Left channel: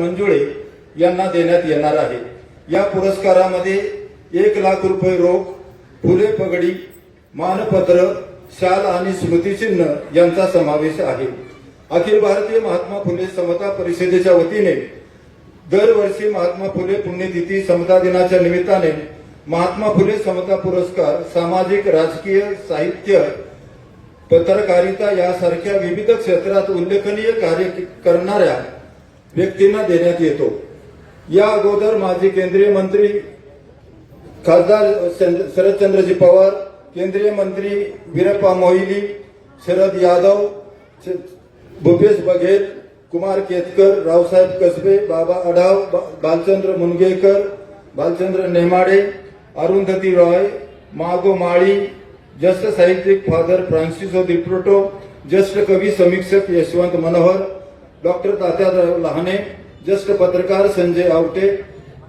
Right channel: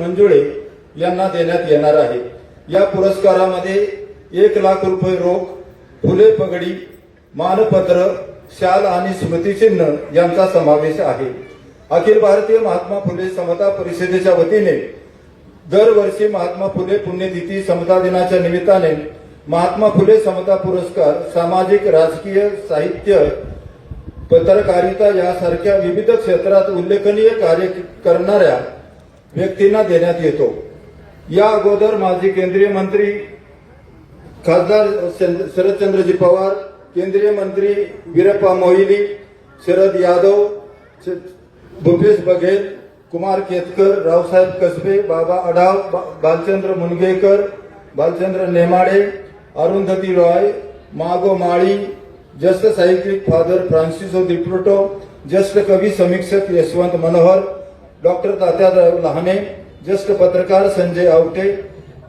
मंजुळे यांना देण्यात येणार आहे. या पुरस्कारामध्ये एक लाख रुपये रोख फुले पगडी मानपत्र शाल आणि स्मृतिचिन्ह यांचा समावेश आहे. अखिल भारतीय महात्मा फुले समता परिषदेच्या वतीने दरवर्षी महात्मा फुले पुण्यतिथी समता दिनाच्या निमित्ताने महात्मा फुले समता पुरस्कार सामाजिक राजकीय साहित्य पत्रकारिता यासारख्या विविध क्षेत्रात उल्लेखनीय कार्य करणाऱ्या व्यक्तींना देण्यात येतो. या अगोदर माजी केंद्रीय मंत्री खासदार शरदचंद्रजी पवार केंद्रीय मंत्री वीरप्पा मोहिली शरद यादव भूपेश बघेल कुमार केतकर रावसाहेब कसबे बाबा अढाव बा- बालचंद्र मुनगेकर भालचंद्र नेमाडे अरुंधती रॉय मागो माळी ज्येष्ठ साहित्यिक फादर फ्रान्सिसो दिप्रोटो ज्येष्ठ कवी समीक्षक यशवंत मनोहर डॉक्टर तात्याराव लहाने ज्येष्ठ पत्रकार संजय आवटे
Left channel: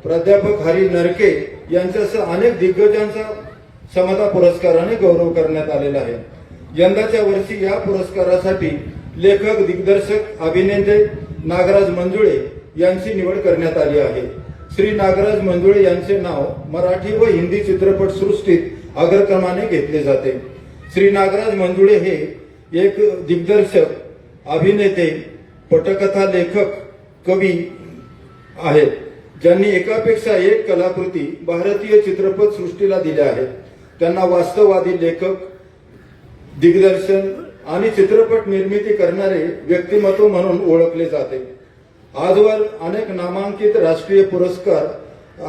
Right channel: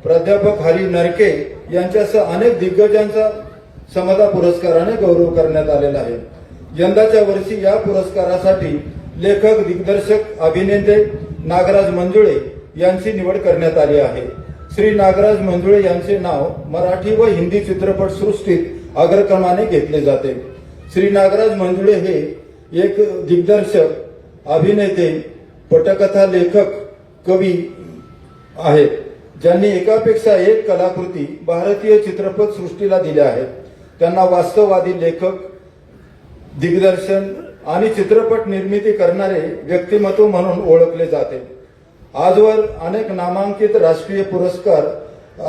प्राध्यापक हरी नरके यांच्यासह अनेक दिग्गजांचा समता पुरस्काराने गौरव करण्यात आलेला आहे. यंदाच्या वर्षी या पुरस्कारासाठी लेखक दिग्दर्शक अभिनेते नागराज मंजुळे यांची निवड करण्यात आली आहे. श्री नागराज मंजुळे यांचे नाव मराठी व हिंदी चित्रपट सृष्टीत अग्रक्रमाने घेतले जाते. श्री नागराज मंजुळे हे एक दिग्दर्शक अभिनेते पटकथा लेखक कवी आहेत ज्यांनी एकापेक्षा एक कलाकृती भारतीय चित्रपट सृष्टीला दिल्या आहेत. त्यांना वास्तववादी लेखक दिग्दर्शन आणि चित्रपट निर्मिती करणारे व्यक्तिमत्व म्हणून ओळखले जाते. आजवर अनेक नामांकित राष्ट्रीय पुरस्कार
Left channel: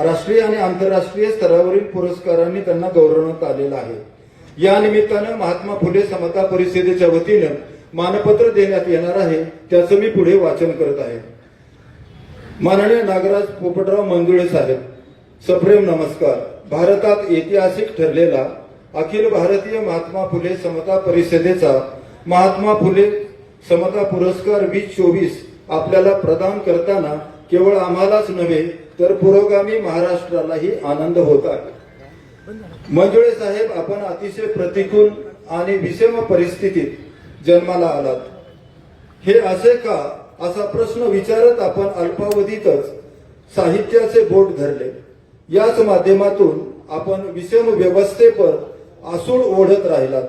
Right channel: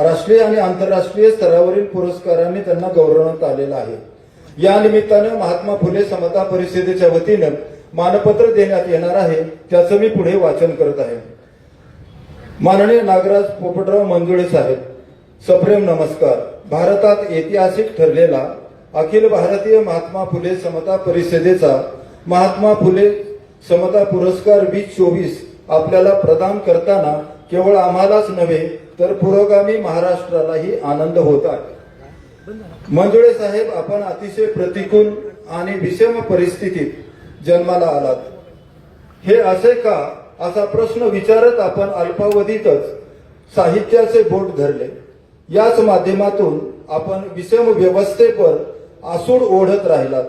राष्ट्रीय आणि आंतरराष्ट्रीय स्तरावरील पुरस्कारांनी त्यांना गौरवण्यात आलेला आहे. या निमित्तानं महात्मा फुले समता परिषदेच्या वतीनं मानपत्र देण्यात येणार आहे त्याचं मी पुढे वाचन करत आहे. माननीय नागराज पोपटराव मंजुळे साहेब सप्रेम नमस्कार. भारतात ऐतिहासिक ठरलेला अखिल भारतीय महात्मा फुले समता परिषदेचा महात्मा फुले समता पुरस्कार वीस चोवीस आपल्याला प्रदान करताना केवळ आम्हालाच नव्हे तर पुरोगामी महाराष्ट्रालाही आनंद होत आहे. मंजुळे साहेब आपण अतिशय प्रतिकूल आणि विषम परिस्थितीत जन्माला आलात. हे असे का? असा प्रश्न विचारत आपण अल्पावधीतच साहित्याचे बोट धरले. याच माध्यमातून आपण विषम व्यवस्थेवर आसूड ओढत राहिलात.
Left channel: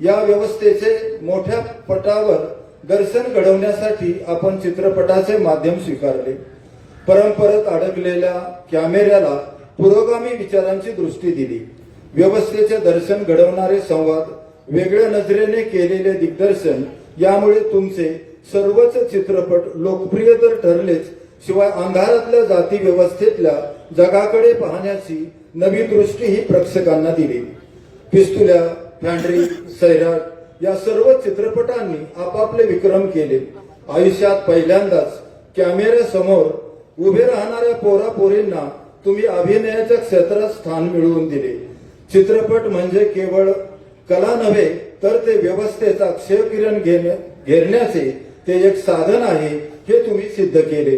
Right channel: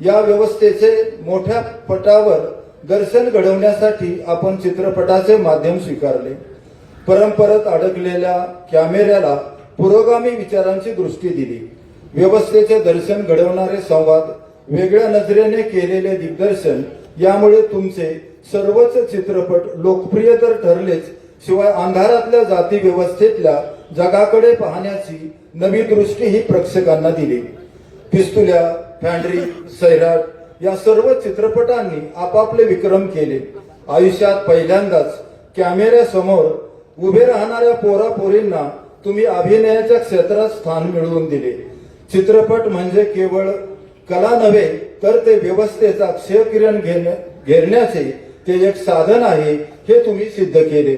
या व्यवस्थेचे मोठ्या पटावर दर्शन घडवण्यासाठी आपण चित्रपटाचे माध्यम स्वीकारले. परंपरेत अडकलेल्या कॅमेऱ्याला पुरोगामी विचारांची दृष्टी दिली. व्यवस्थेचे दर्शन घडवणारे संवाद वेगळ्या नजरेने केलेले दिग्दर्शन यामुळे तुमचे सर्वच चित्रपट लोकप्रिय तर ठरलेच. शिवाय अंधारातल्या जाती व्यवस्थेतल्या जगाकडे पाहण्याची नवी दृष्टी ही प्रेक्षकांना दिली. पिस्तुल्या फॅन्ड्री सैराट या सर्व चित्रपटांनी आपापले विक्रम केले. आयुष्यात पहिल्यांदाच कॅमेऱ्यासमोर उभे राहणाऱ्या पोरा पोरींना तुम्ही अभिनयाच्या क्षेत्रात स्थान मिळवून दिले. चित्रपट म्हणजे केवळ कला नव्हे तर ते व्यवस्थेचा क्षयकिरण घेण्या- घेरण्याचे ते एक साधन आहे हे तुम्ही सिद्ध केले.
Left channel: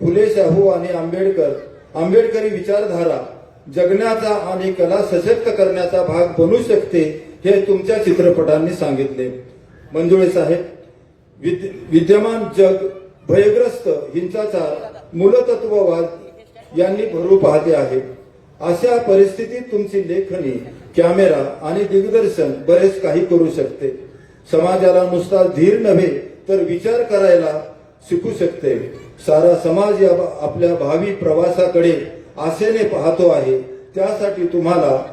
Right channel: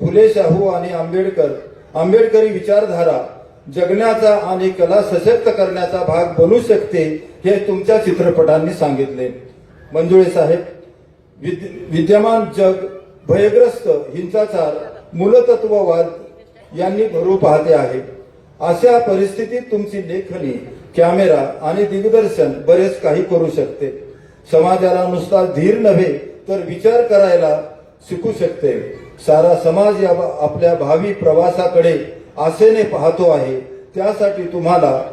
फुले शाहू आणि आंबेडकर आंबेडकरी विचारधारा जगण्याचा आणि कला सशक्त करण्याचा भाग बनू शकते हे तुमच्या चित्रपटांनी सांगितले. मंजुळे साहेब विद्य- विद्यमान जग भयग्रस्त हिंसाचार मूलतत्ववाद यांनी भरू पाहते आहे. अशा परिस्थितीत तुमची लेखणी कॅमेरा आणि दिग्दर्शन बरेच काही करू शकते. समाजाला नुसता धीर नव्हे तर विचार करायला शिकू शकते. सारा समाज या आपल्या भावी प्रवासाकडे आशेने पाहतो आहे. त्यासाठी तुम्हाला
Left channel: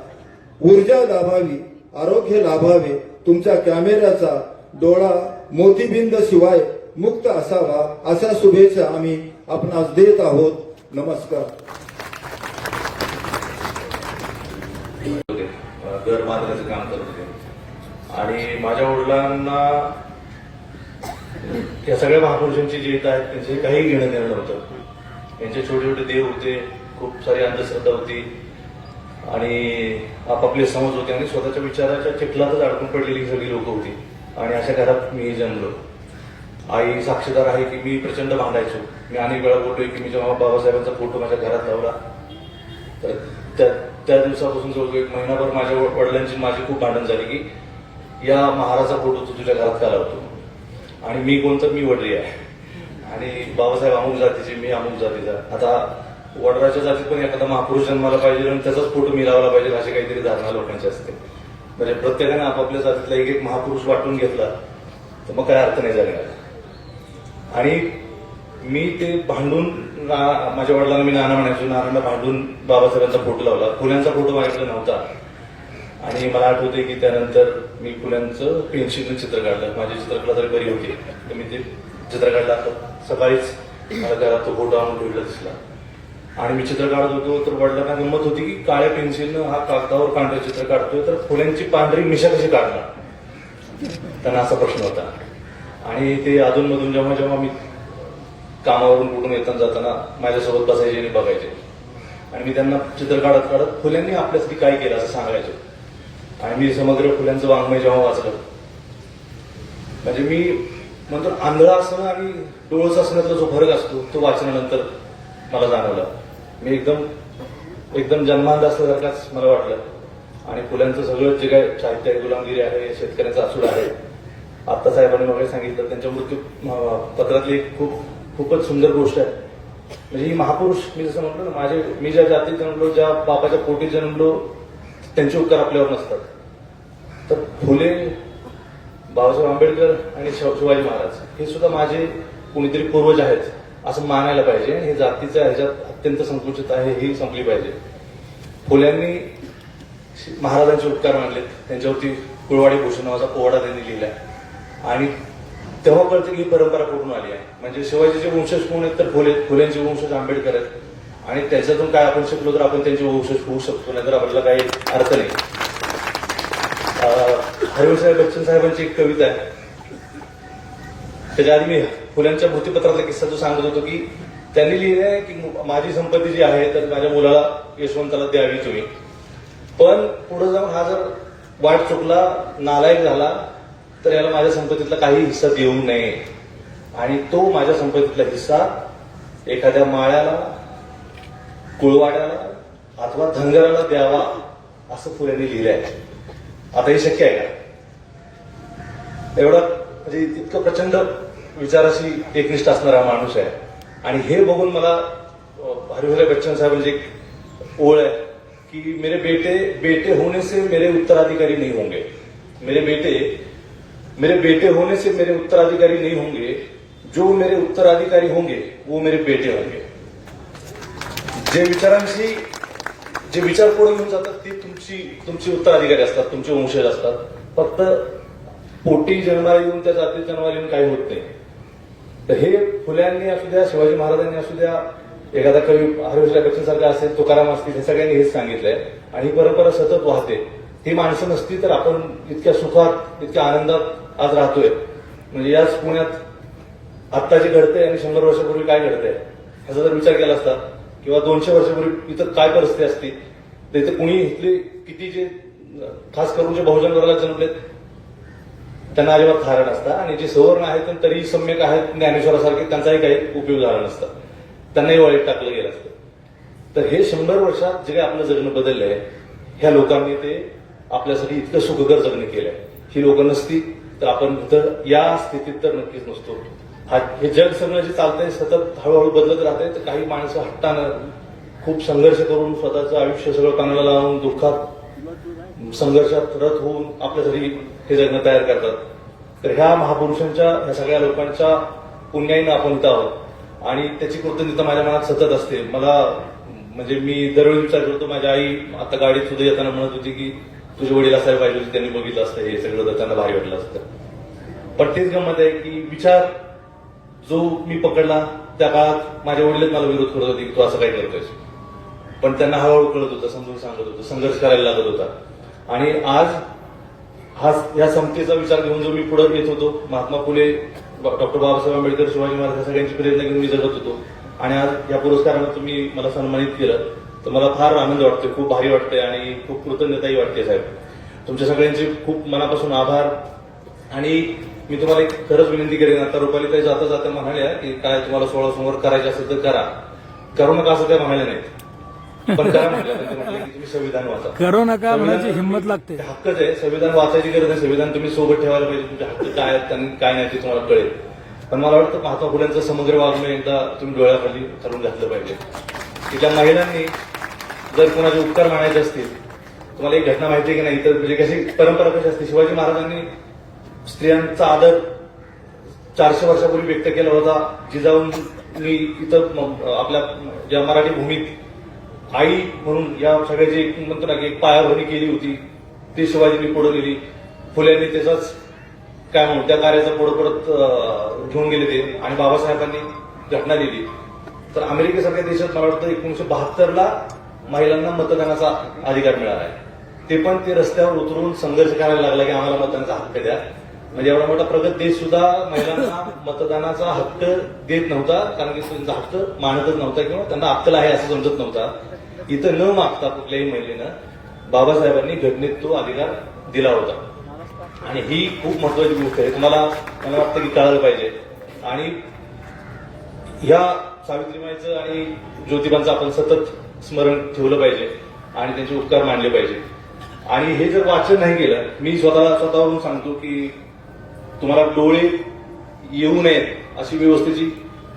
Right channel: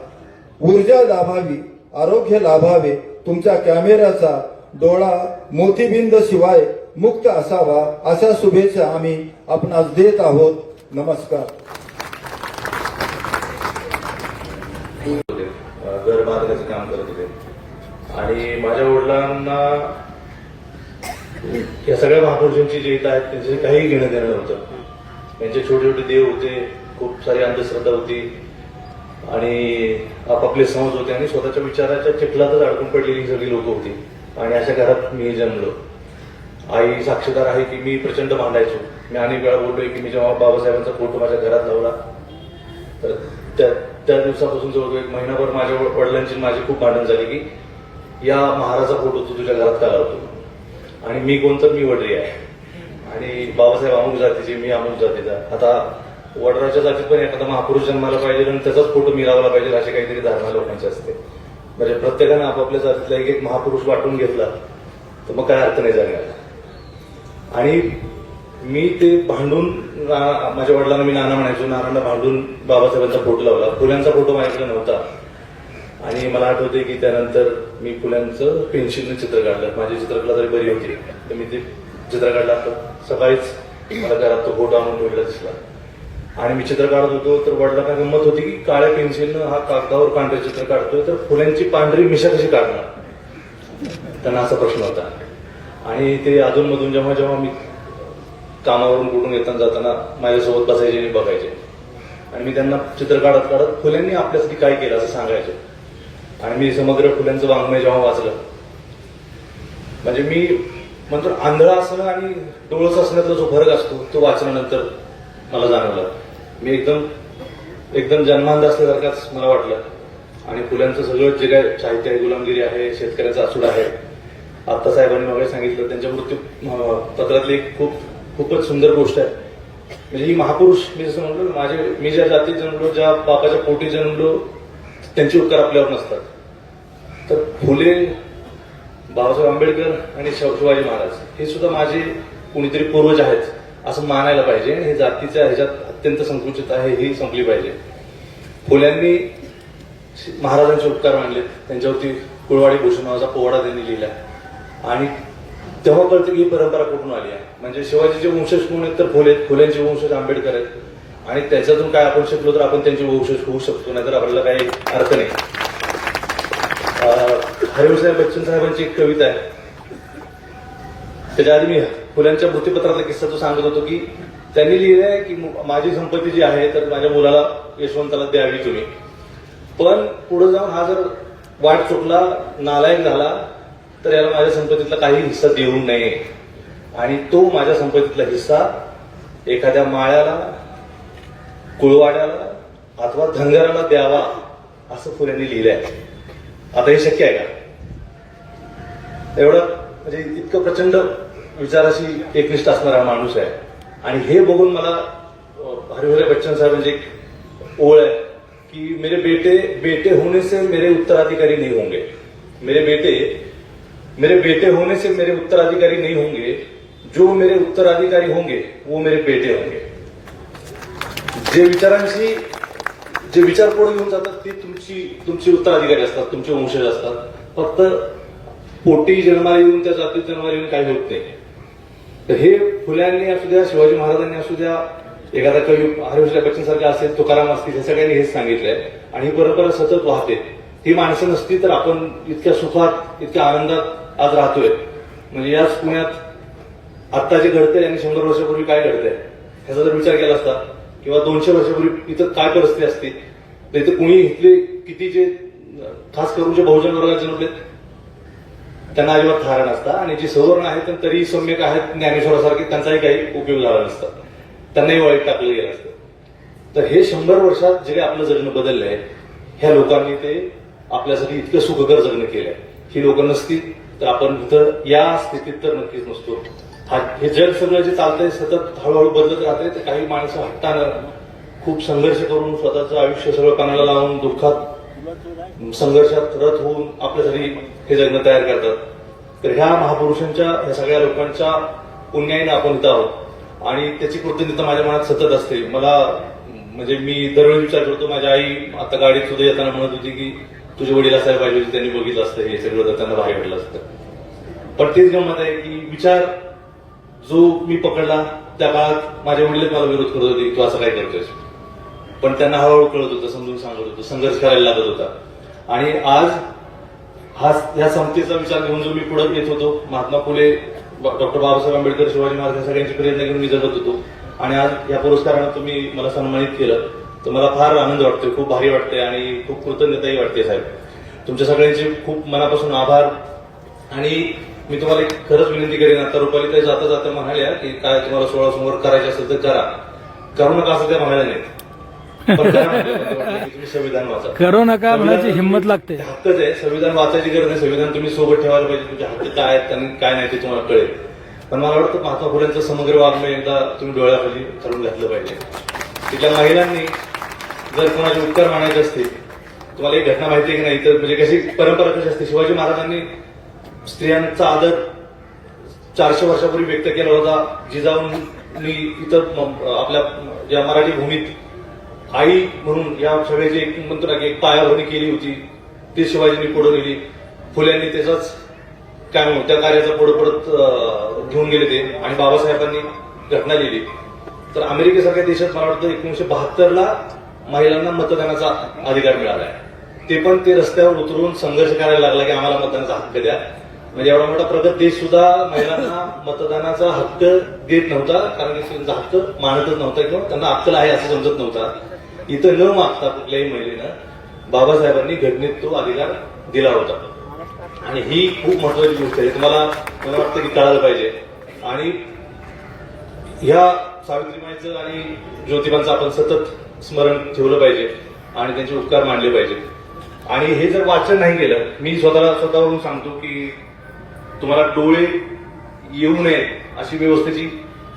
ऊर्जा लाभावी आरोग्य लाभावे तुमच्या कॅमेऱ्याचा डोळा मोतीबिंद शिवाय मुक्त असावा अशा शुभेच्छा आम्ही आपणास देत आहोत. नमस्कार. आणि माझ्या वडिलांना या सगळ्या महापुरुषांची जी आहेत त्यांचे काही घेणं देणं नव्हतं. त्यांचे छोटे छोटे देव होते खूप सारी अंधश्रद्धा होती. आणि आपापले समज होते आणि स्वतःच्या विचाराच्या चिखलातच अडकून पडलेली सगळी लोक होती. आणि अशा घरात मी जन्मलो. आई साक्षीदार आहे की मी प्रचंड भांडायचो. मी अनेक वेळा बोलतोय की मी जेव्हा बाबासाहेबांचा फोटो माझ्या घरात लावला तर त्या त्या दिवसापासून जवळजवळ एक महिनाभर माझ्या वडिलांची माझी खूप भांडण झाली की या महाराजा फोटो तू तुझ्या घरात का लावतो आणि मी कोणतं? मी वडील आहे. आणि बाबासाहेब अमुक जातीचे मी अमुक जातीचा. आता वडराच्या जातीत पण एखादा महापुरुष जन्माला पाहिजे आणि त्याचाच फोटो मी लावला पाहिजे अशी काहीतरी धारणा लोकांची असते. म्हणजे प्रत्येकानं आपापल्या जातीतला एक एक महापुरुष वाटून घेतला तर मग काय अर्थ नाही जगण्याला आणि मी ते भांडून ना- माझ्या वडिलांना मी नाना म्हणायचो नानांना भांडून बाबासाहेबांचा फोटो लावला. फुल्यांचा फोटो माझ्याकडे नव्हता. आणि मला आठवते की त्यानंतर मी फुल्यांचं पेन्सिलने चित्र काढलं. माझी चित्रकला जरी बरी होती तर मी ते चित्र काढलं. आता सकाळीच मला घरात तो फोटो आणून ठेवलेला दिसला. आणि मी चित्र काढत होतो तर वडिलांना गंमत होती की काळ्या पेन्सिलनं हा कागदावर पांढरे चित्र काढतोय तर फुल्यांची पांढरी मिशा कशी काढणार? त्यांना असा प्रश्न होता. आणि ते अधूनमधून जेव्हा जेव्हा मी कामावरून कुठून येताना जाताना माझ्यासोबत बसायचे आणि बघायचे. आणि मी त्यांना चित्र काढत काढत फुल्यांनी आपल्यासाठी काय केलं असं सांगायचं. आणि मी समग्र फुल्यांचं वाङ्मय जेव्हा वाचलं म्हणजे मी म्हणतो आंधळा असणं आणि डोळस असण्याचा जो फरक असतो तो वाचल्यानंतर मला जाणवला. मी एकदम एकदम जन्मांध असल्यासारखाच मला वाटलं. आणि फुल्यांचं सगळं जे काय साहित्य आहे गुलामगिरी आहे शेतकऱ्याचा असूड आहे आत्ता साहेबांनी मला सांगितलं त्यांच्या मृत्यू पत्रातली एक खूप खूपच सुंदर गोष्ट आहे. म्हणजे ही महापुरुष मी जसं म्हटलं माझे मी ज्या जातीत जन्मलो ज्या बापाच्या पोटी जन्मलो त्यांचे उपकार आपल्यावर नसतात. तर फुले बाबासाहेब आंबेडकर आणि शिवाजी महाराज हे सुद्धा माझे कुणीतरी पूर्वज आहेत असं मानायला पाहिजे. हे जातीच्या ह्याच्यात अत्यंत संकुचित आहे ही संपली पाहिजे. फुल्यांनी महाराजांचे उपकार मानले. त्यांच्यावरती कुळवाडी भूषण नावाचा पोवाडा त्यांनी लिहिला. आणि तेव्हा कळतं ही परंपरा कुठून आली आहे? म्हणजे शिवाजीचे वंशज कोण आहेत? तर फुले फुल्यांचे वंशज आंबेडकर आहेत. आणि त्याच्यातून काय आपण शिकलो तर आपण त्यांचे वंशज होऊ शकतो नाही तर आपल्याला काही अर्थ नाही. हरिवसाहेब बच्चन साहेबांची एक कविता आहे. त्याच्या आधी मी फुलांच्या भूतीपत्राचा किस्सा तो सांगत होतो की त्यांनी लिहिले आहे की माझी संपत्ती जी आहे तर माझ्या मुलाला यशवंताला द्यावी तुम्ही. पण पुढे जाऊन हा जर वाट चुकला नालायक झाला तर याला माझ्या संपत्तीतला काही हिस्सा देऊ नये आणि तो माझ्या संपत्तीतला हिस्सा एखाद्या माळ्याला कुळवाड्याला अथवा धनगराला द्यावा असं फुल्यांनी लिहिलं आहे आता हे शक्य आहे का? एवढं म्हणजे इतकं प्रचंड विचाराशी एकनिष्ठ असणारा हा माणूस आहे. आणि हे बघून मला हरिवले बच्चन साहेबांची म्हणजे एक ओळ आहे की मेरे बेटे बेटे होने से मेरे उत्तराधिकारी नहीं होंगे. मेरे बेटे मेरे बेटे होने से मेरे उत्तराधिकारी नहीं होंगे. जो मेरे उत्तराधिकारी होंगे वो मेरे बेटे होंगे. जे विचारांशी जे विचार पुढे घेऊन जातात ते तुमची तुमची उत्तराधिकारी असतात तुमचे वंशज असतात. फक्त पोटी जन्माला येऊन त्या जातीत जन्माला येऊन काही होत नाही. तर हे फुल्यांनी असू द्या शिवाजी महाराजांनी असू द्या एखादा कवी हरिवशा बच्चन सारखा असेल तुकाराम असतील हे सगळ्यांनी हेच सांगितलंय. आणि ही परंपरा सतत वाहते. ही माणसं नसती तर आपण इतक्या सुखात इतक्या आनंदात आज राहतोय. म्हणजे याच पुण्यात आत्ता जे घडते आणि शंभर वर्षापूर्वी काय घडतंय ह्याचा जर विचार केला असता किंवा दोनशे वर्षापूर्वी इथं काय परिस्थिती असती तर कुणी इथले किती जे खास करून जे बहुजन वर्गात जन्मलेत त्यांना अजिबात थारा नसता. आणि जे सवर्ण आहेत पण तरीही सम्यक आहेत ज्ञानेश्वरासारखे त्यांचाही काही उपयोग झाला नसता. त्यांनाही वाईट टाकलं गेलं असतं. तर हे शंभर वर्षात जे काही आपलं जगणं आहे ह्या लोकांनी ते आपल्यासाठी इतकं सुखकर जगणं केलं ही लोक नसती तर आपण इथं या स्थितीत तर नक्कीच नसतो. हा हे जग सगळं जे चालतंय सतत हळूहळू बदलत राहतंय तर काही माणसं हट्टानं खूप संघर्ष करून स्वतःचं आयुष्य सगळं कानाला लावून दुःखात संघर्षात रथ होऊन आपल्यासाठी हे जगणं तयार करतात. तर ह्या महापुरुषांच्या ह्या सगळ्या लोकांच्या पुण्याईनं आपण इथं आहोत. आणि त्याची कृतज्ञता माझ्या मनात सतत असते. मला म्हणजे मी दरवेळी विचार करतो माझ्या आई आता गाडीत सुद्धा येताना म्हणत होती की तुझे वडील असायला पाहिजे होते त्यांनी बघितलं असतं हे सगळं तर त्यांना भारी वाटलं असतं. पण तेच गमत आहे की विचार जो मी पकडला त्या काळात माझ्या वडील मला विरोध करत होते तू असं काय करतोयस? पण त्यांना हळूहळू कळत होतं समजून सांगत होतं संघर्ष करायला लागत होता. आणि आज हा या समतेचा विचार घेऊन जो मी पुढे येत होतो महात्मा फुले डॉक्टर बाबासाहेब आंबेडकर शिवाजी महाराज या सगळ्यांची प्रेरणा घेऊन मी जगत होतो. आणि आज या पुरस्कारानं तुम्ही मला सन्मानित केलं. तर मला फार आनंद वाटतोय खूप भारी वाटतंय आणि खूप कृतज्ञताही वाटते साहेब. तुमच्या सगळ्यांचे खूप मनापासून आभार. आणि मी तुम्हाला एक खरंच विनंती करेन आता रुपाली काही जाता जाता म्हणाल्या की काय तुम्हाला सोळा समोर करायचं असेल तर करा. करू नका असं त्या म्हणाल्या नाहीत. तुम्ही संविधान वाचा. करू नका म्हणायची हिंमत लागते. हक्कच आहे. संविधान वाचायची गरज नाही. संविधान तुम्ही सोबत ठेवायला पाहिजे. तुमचे हक्क काय आहेत त्यांनी काय नाही ते तुम्हाला कळेल. पण मला वाटतं महात्मा फुलेंचं समग्र वाङ्मय एकदा तुम्ही डोळ्याखाली ठरवून घातलं पाहिजे. की त्या महिलांनी जर कोणाचे उपकार मानायचे असतील तुम्हाला एक घटना माहिती आहे की नाही? तर म्हणजे कशी परंपरा कशी असते? शिवाजी महाराजांनी स्त्रियांचा आदर चारशे वर्षापूर्वी व्यक्त केला होता. जिजाऊंनी इथं आपल्या ज्या मराठी भूमीत आई म्हणून या सगळ्याची एक म्हणतो ना की एक पायाभरणी केली होती. ती शिवाजींनी पुढे नेली फुल्यांनी त्याचाच काय म्हणू त्या कार्याचा पुढे पडत घेऊन गेले ते आणि बाबासाहेबांनी घटना लिहिली. तर अमेरिकेसारख्या देशात मला वाटतं एकोणीशे बहात्तरला महिलांना मतदानाचा अधिकार मिळाला आहे. ते पण ते रस्त्यावर उतरून संघर्ष करायला लागला की आम्हाला मतदानाचा हक्क द्या. म्हणजे एवढा मोठा प्रगत देश सुद्धा महिलांना मतदानाचा हक्क देत नव्हता कारण की त्यांचा हक्क मानतच नव्हता किंवा त्यांना अक्कल आहे असं समजत नव्हता. इथं न मागता कुठल्याही महिलेनं बाबासाहेबांनी घटनेत तो अधिकार दिला होता. आणि ही खूप महत्वाची गोष्ट आहे. तुम्हाला मला वाटतं की कळायला पाहिजे. आणि ह्या सावित्रीबाईचं आणि ज्योतिबांचं आपण सतत स्मरण ठेवलं पाहिजे आणि त्यांचे उपकार मानले पाहिजे आणि हे जर वाचन नाही केलं मी स्वतः स्वतःवरून सांगतो की तुम्हाला डोळे येऊ नयेत अशी व्यवस्थेची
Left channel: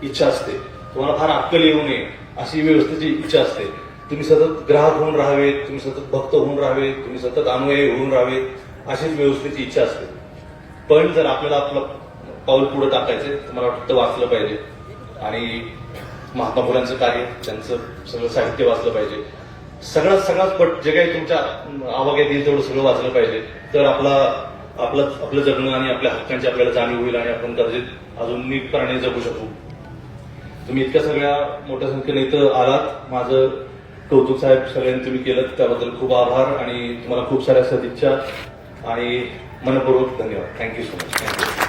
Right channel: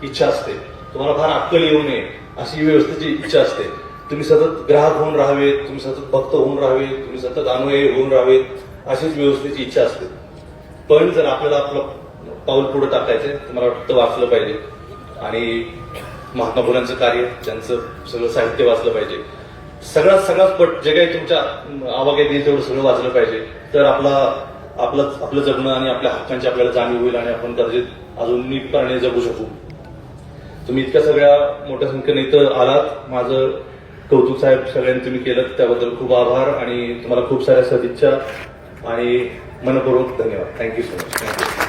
इच्छा असते. तुम्हाला फार अक्कल येऊ नये अशी व्यवस्थेची इच्छा असते. तुम्ही सतत ग्राहक होऊन राहावेत तुम्ही सतत भक्त होऊन राहावेत तुम्ही सतत अनुयायी होऊन राहावेत अशीच व्यवस्थेची इच्छा असते. पण जर आपल्याला आपलं पाऊल पुढे टाकायचंय आहे मला वाटतं वाचलं पाहिजे. आणि महात्मा फुलांचं कार्य त्यांचं सगळं साहित्य वाचलं पाहिजे. सगळं सगळाच पट जे काही तुमच्या आवाक्यात येईल तेवढं सगळं वाचलं पाहिजे. तर आपला आपलं आपलं जगणं आणि आपल्या हक्कांची आपल्याला जाणीव होईल आणि आपण गरजेत अजून नीटपणे जगू शकू. तुम्ही इतक्या सगळ्या मोठ्या संख्येने इथं आलात. माझं कौतुक साहेब सगळ्यांनी तुम्ही केलं त्याबद्दल खूप आभार आणि तुम्हाला खूप साऱ्या सदिच्छा आणि मनपूर्वक धन्यवाद. Thank you so much thank you